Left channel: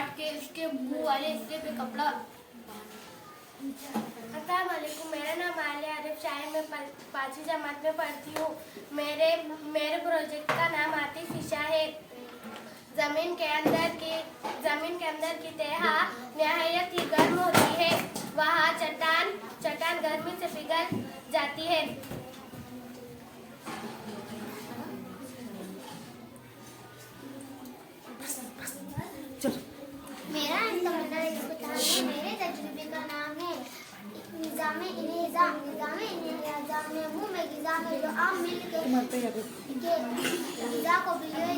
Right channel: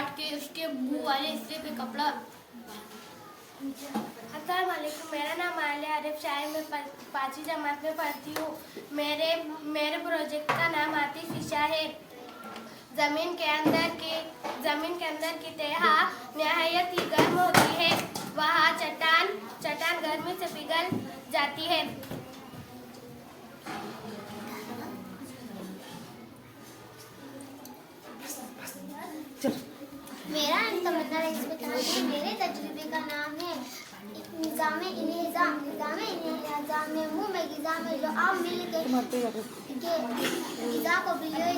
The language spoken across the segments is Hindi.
काट के उसके मुंह वाले हिस्से पे कपड़ा। अस्सलाम वालेकुम, मेरा नाम आलिया आरिफ शाही, मैं 5वीं जमात में पढ़ती हूँ। मेरे प्रोजेक्ट का नाम आतिशिशा है। जमीन के अंदर की तह नहायत ही गर्म होती है। वहाँ चट्टान गर्मी से पिघल जाती है। मेरा मेरे तजुर्बे का नाम है निज़ाम मुँह में ग़िज़ा में जो आम मिल के ग़िज़ा को बिलोया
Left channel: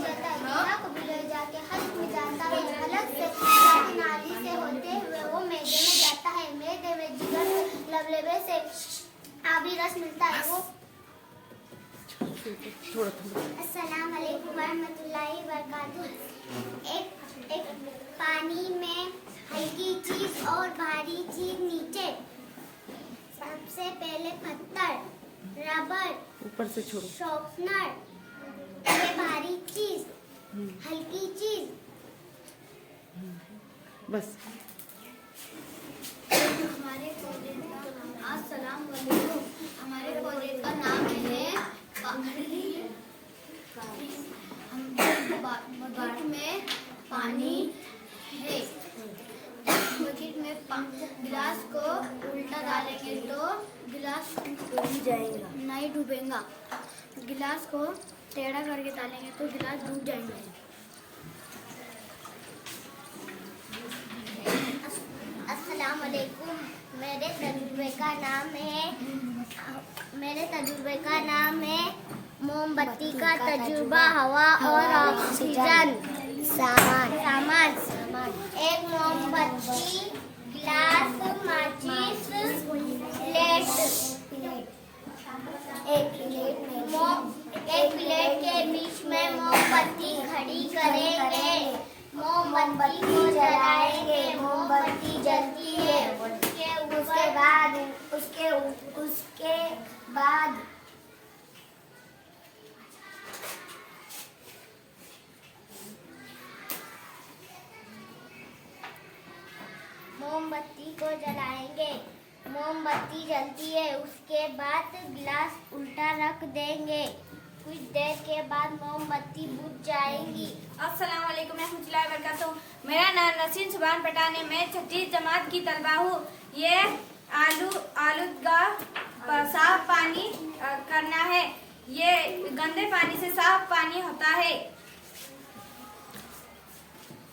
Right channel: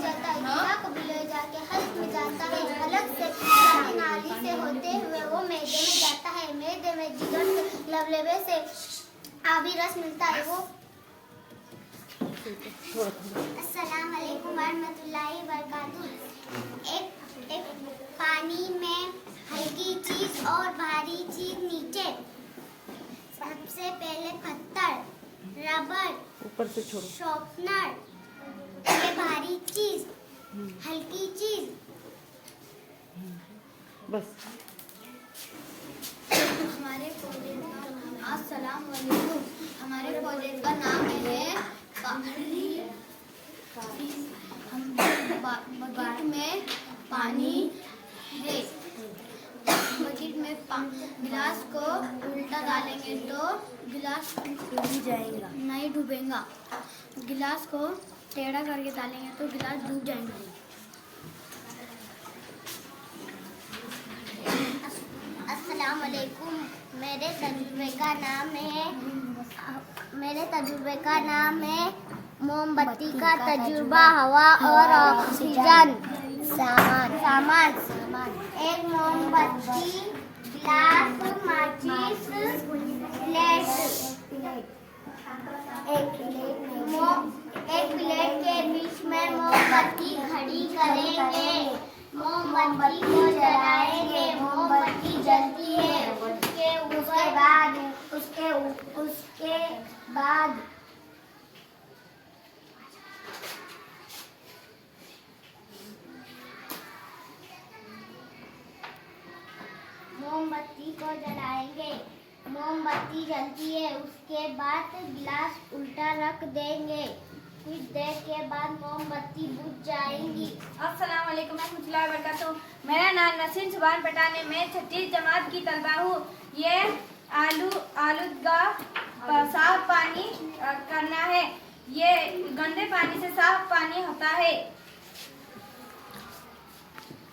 जाके हल्क में जाता है। हलक से नाली से होते हुए वो मैदे में जाता है। मैदे में जिगर से लबलेबे से आबी रस मिलता है। वो अस्सलाम वालेकुम वरहमतुल्लाहि वबरकातुहू। एक पानी में हल्की चीज और भारी चीज नीचे। सबसे पहले पत्थर, रबर, ऊपर से छोड़ो, शॉर्पनर, ये भारी चीज, हल्की चीज। बस। हमारे प्रोजेक्ट का अस्सलाम वालेकुम। हमारे प्रोजेक्ट का नाम है बकेट में पानी है। बकेट में गिलास को उल्टा डालेंगे तो गिलास नहीं डूबेगा। गिलास को टेढ़ा करके डालेंगे तो गिलास डूब जाएंगे। अस्सलाम वालेकुम, मेरे तजुर्बे का नाम है मोमबत्ती का तजुर्बा, हवा और ऑक्सीजन। सामान एक मोमबत्ती, गिलास, माचिस, प्लेट। एक प्लेट के बीच में मोमबत्ती खड़ी करेंगे। मोमबत्ती को जलाएंगे। मोमबत्ती जलती है। उसके बाद मोमबत्ती को जलाएंगे। मोमबत्ती जलती है। उसके बाद गिलास उल्टा रख देंगे। कुछ देर के बाद मोमबत्ती बुझ जाएंगी। अस्सलाम वालेकुम रहमतुल्लाहि व बरकातहू। मेरा नाम नसीम सुभान पठान है। मैं 6ठी जमात की तलबा हूँ। ये आलूदगा साफ पानी करना है। ये गंदे पानी से साफ पानी होता है।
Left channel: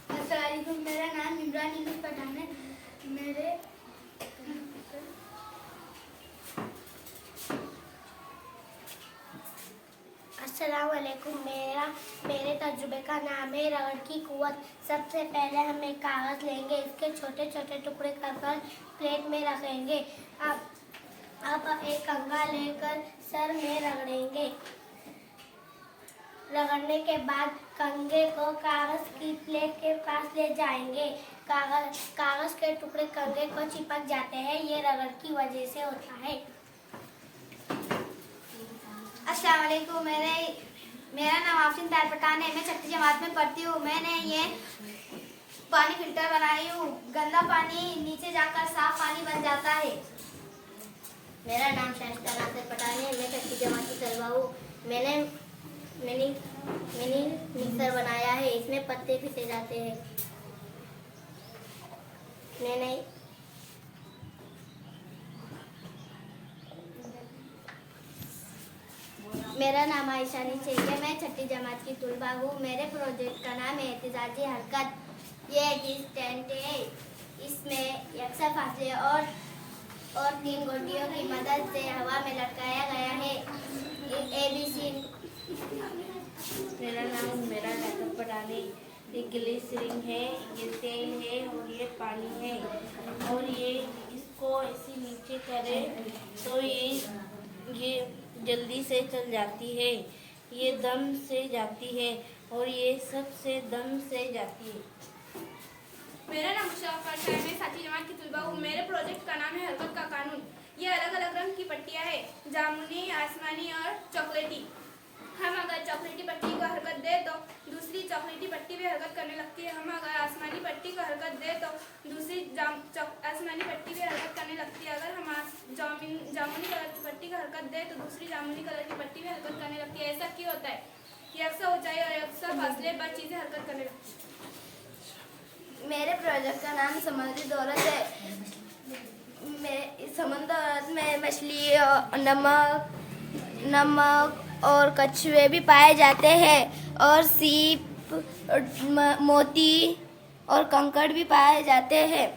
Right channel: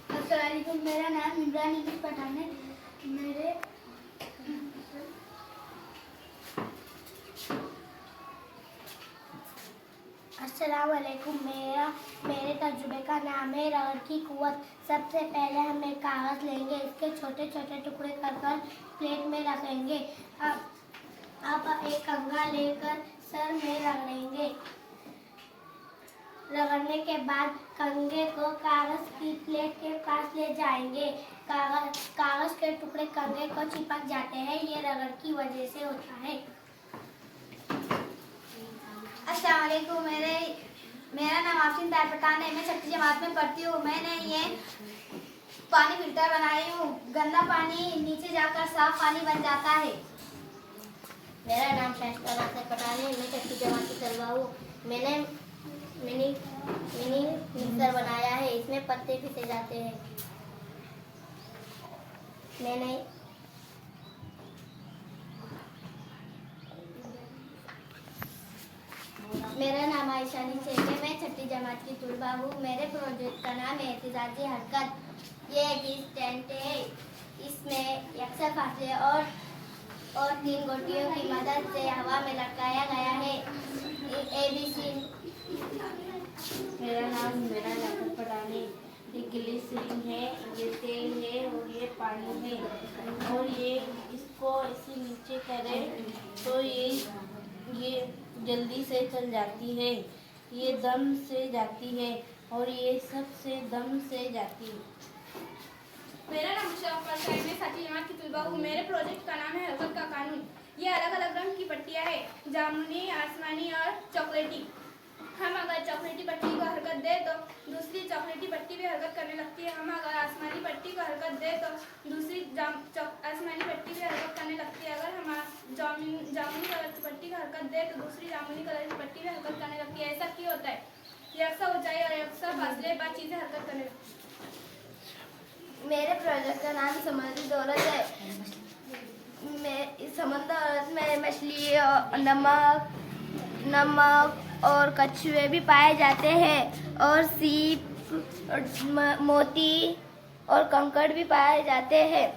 अस्सलाम वालेकुम, मेरा नाम इमरान इकबाल पठान है। अस्सलाम वालेकुम, मेरे तजुर्बे का नाम है रबड़ की कुव्वत। सबसे पहले हम एक कागज़ लेंगे। इसके छोटे छोटे टुकड़े कर प्लेट में रखेंगे। अब एक कंघा लेकर सर में रगड़ेंगे। रगड़ने के बाद कंघे को कागज़ की प्लेट के पास ले जाएंगे। कागज़ के टुकड़े कंघे को चिपक जाते हैं। ये रगड़ की वजह से होता है। अस्सलाम वालेकुम, मेरा नाम आफरीन तार पठान है। मैं 6ठी जमात में पढ़ती हूँ। मैंने ये पानी फिल्टर बनाई हूँ। गंदा पानी नीचे जाकर साफ पानी बन जाता है। मेरा नाम शाइस्ता नासिर पठान है। मैं 6ठी जमात की तलबा हूँ। मैंने मिनी मिक्सर बनाया है। इसमें पत्ते पीसे जाते हैं। मेरा नाम आयशा शेख है। मैं 6ठी जमात की तलबा हूँ। मेरे प्रोजेक्ट का नाम है एहतिजाजी हरकत। ये एक स्टैंड है। इसमें यकसा फासले और 3 गोटियों की मदद से हवा में लटकाया गया है। ABC। मेरा नाम मेरा जाफर पठान है। ये ग्लिसरीन है, ये तेल है और ये पानी है। और ये इसको ऐसे नीचे करें तो ये जल्दी से चल जाती है। ये दम से जाती है और ये सबसे दम से जाती है। मेरा नाम मुशर्रफ है। मैं 7ठी जमात की तलबा हूँ। मेरे प्रोजेक्ट का नाम है हरकत का कानून। ये अलग अलग रंग की पट्टियाँ है, जामुनी, आसमानी और चॉकलेटी। हम अगर चॉकलेटी पट्टी को हरकत दे तो दूसरी चॉकलेटी पट्टी भी हरकत करने लगती है। हम अगर आसमानी पट्टी को हरकत दे तो दूसरी आसमानी पट्टी भी हरकत करने लगती है। अगर हम जामुनी कलर की पट्टी को हरकत दे तो दूसरी जामुनी कलर की पट्टी भी हरकत करने लगती है। ऐसा क्यों होता है? यकसा ऊंचाई और यकसा फासले पर चीजें हरकत करने लगती है। मेरे प्रोजेक्ट का नाम समुद्री दौलत है। मैं समुद्र में मछली और नमक और कछुए भी पाए जाते हैं और सीप, मोती और कंकड़ भी पाए जाते हैं।